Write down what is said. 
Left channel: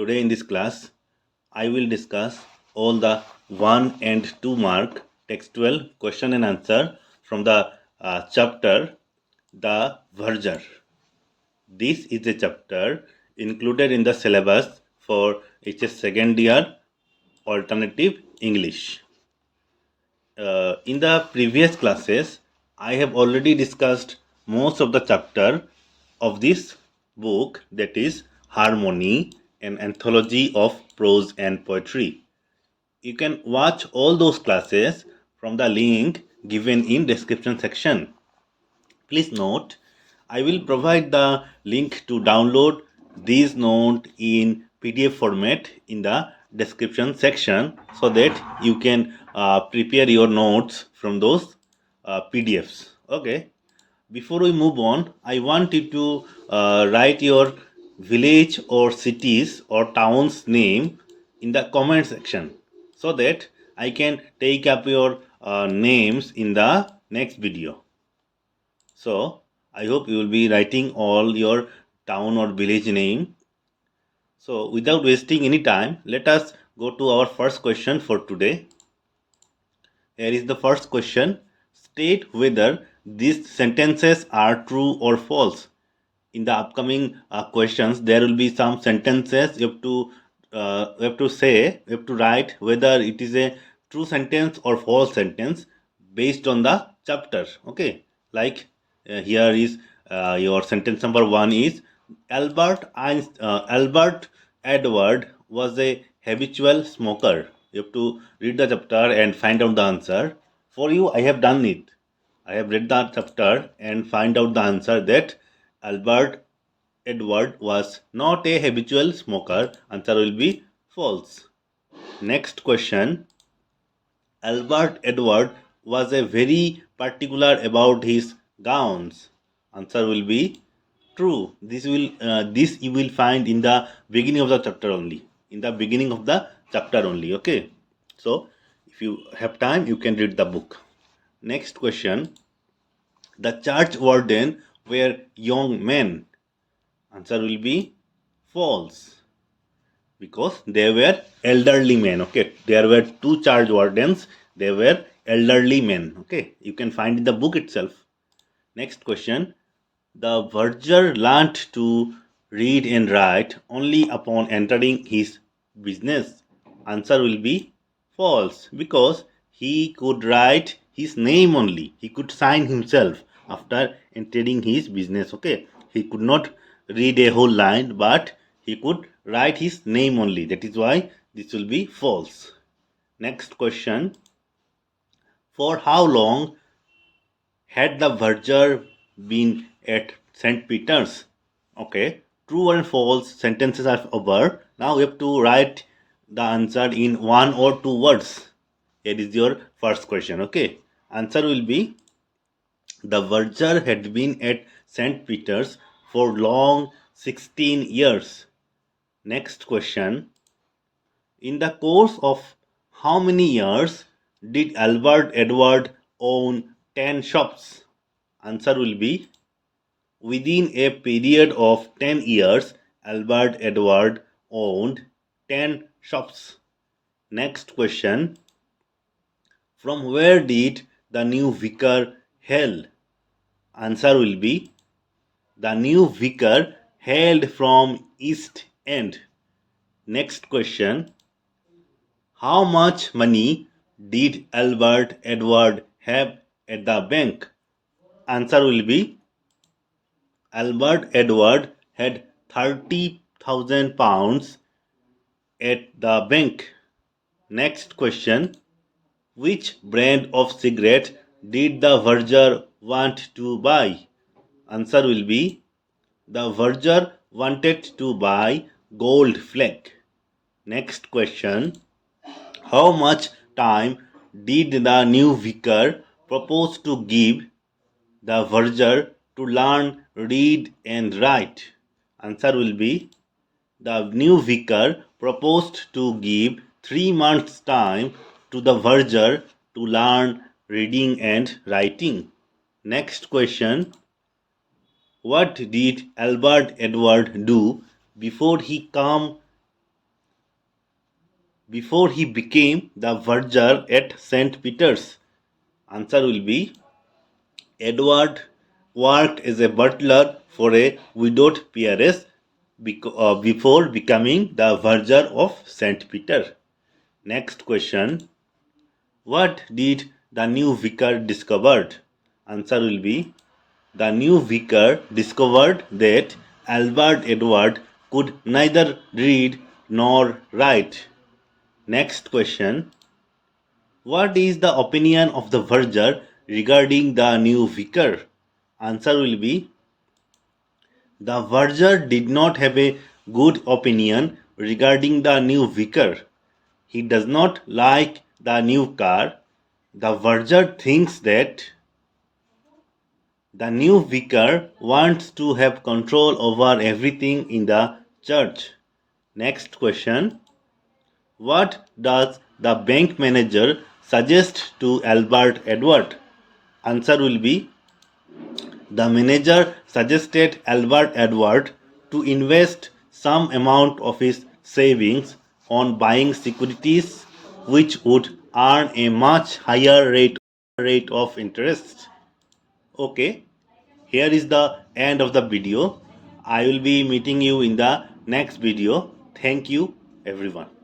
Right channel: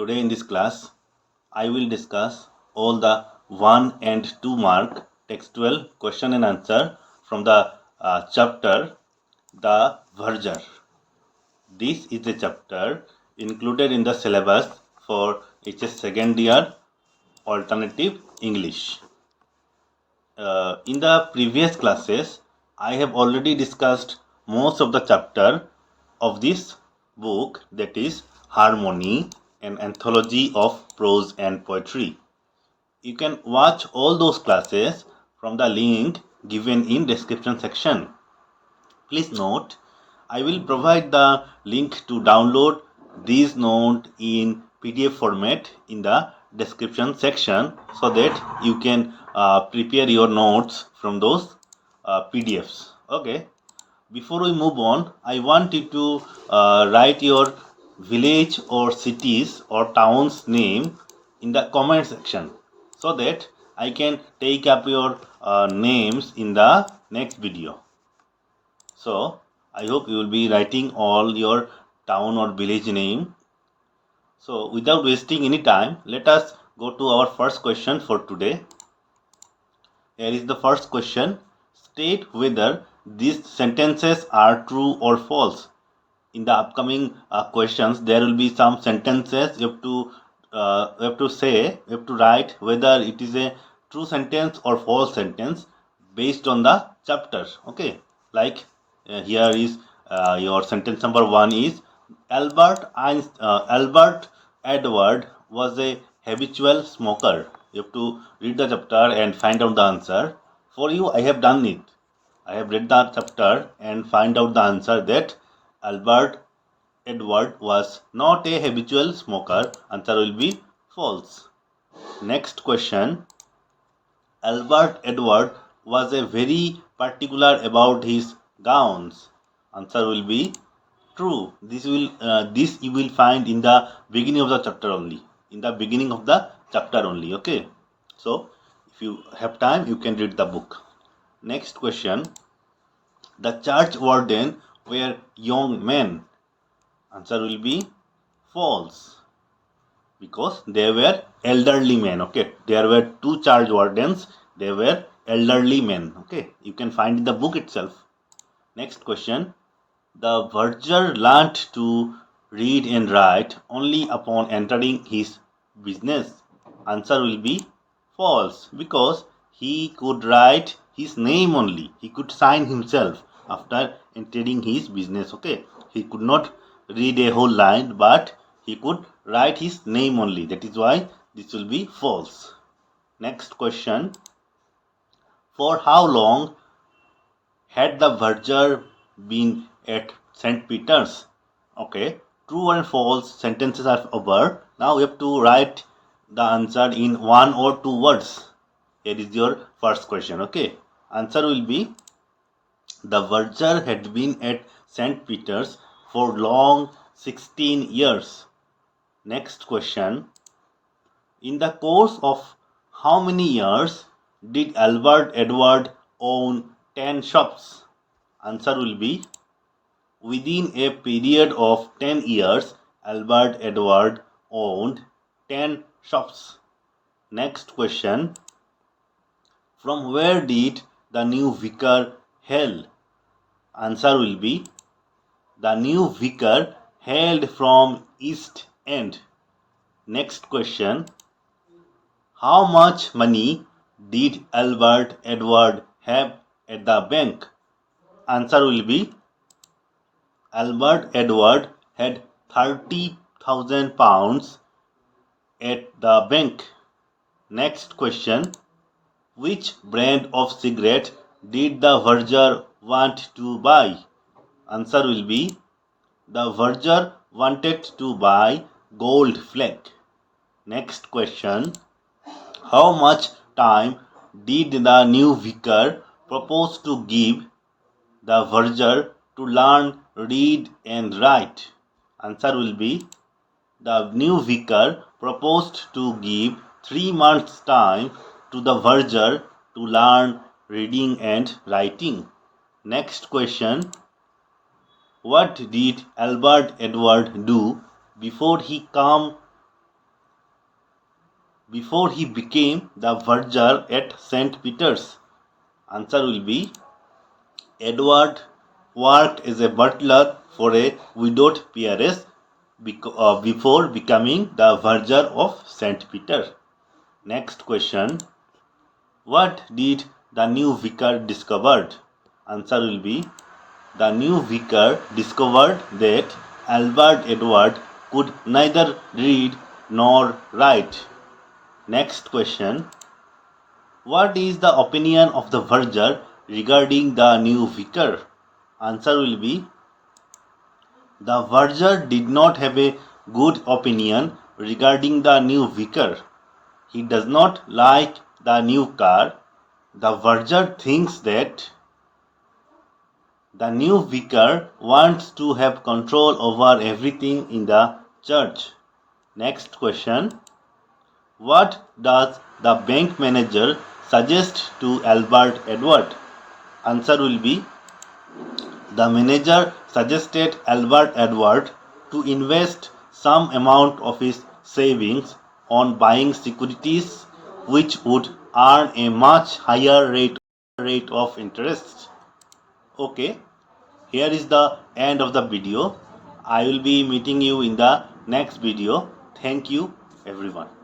Today in this class, I will discuss all the 1 and 2 mark textual question and answer from the chapter The Verger. This is a chapter included in the syllabus for HS second year alternative English. In the previous classes, I have already discussed most of the chapter of this book, that is Harmony, an anthology of prose and poetry. You can watch all those classes from the link given in description section. Please note, I will provide the link to download these notes in PDF format in the description section so that you can prepare your notes from those PDFs. Okay. Before we move on, I want you to write your village or cities or town's name in the comment section so that I can take up your names in the next video. So I hope you will be writing all your town or village name. So without wasting any time, let us go to our first question for today. Here is the first question. State whether these sentences are true or false. In the upcoming questions, there will be some sentences you have to write whether it is a true sentence or false sentence based on the chapter. Okay, like here is your sentence number 1 is Albert Edward was a habitual smoker. You have to read the chapter and find out the answer. For you, I have done it. I have read the chapter and find out the answer that Albert Edward was not a habitual smoker. Answer will be false. Next question. Albert Edward was a very particular about his gowns. Answer will be true. This you will find in the beginning of the chapter only. In the beginning of the chapter only. Okay. So if you have time, you can read the book. Next question. The church warden were young men. Answer will be false because they were elderly men. Okay, there were two church wardens. They were elderly men. Okay, you can find in the book itself. Next question. The verger learned to read and write only upon entering his business. Answer will be false because he could write his name only. He could sign himself after entering his business. Okay, he could not read a whole line, but he could write his name only. That is why this will be false. Next question. For how long had the verger been at St. Peter's? Okay, true and false sentences are over. Now we have to write the answer in 1 or 2 words. Here is your first question. Okay, answer will be the verger had been at St. Peter's for long 16 years. Next question. In the course of how many years did Albert Edward own 10 shops? Answer will be within a period of 10 years, Albert Edward owned 10 shops. Next question. From where did the new vicar hail? Answer will be the new vicar hailed from East End. Next question. How much money did Albert Edward have at the bank? Answer will be Albert Edward had £30,000 at the bank. Next question. Which brand of cigarette did the verger want to buy? Answer will be the verger wanted to buy Gold Flake. Next question. How much time did the new vicar propose to give the verger to learn read and write? Answer will be the new vicar proposed to give 3 months time to the verger to learn reading and writing. Next question. What did Albert Edward do before he came before he became the verger at St. Peter's? Answer will be Edward worked as a butler for a widowed peeress before becoming the verger of St. Peter. Next question. What did the new vicar discovered? Answer will be the new vicar discovered that Albert Edward could neither read nor write. Next question. What is the opinion of the verger regarding the new vicar? Answer will be the verger did not have a good opinion regarding the new vicar. He does not like the new car. The verger thinks that the new vicar wants to have control over everything in the church. Next question. What does the bank manager suggest to Albert Edward? Answer will be the manager suggested Albert Edward to invest some amount of his savings on buying securities which would earn a much higher rate of interest. Okay, here is the end of the video. I will be meeting you in the next video. Thank you everyone.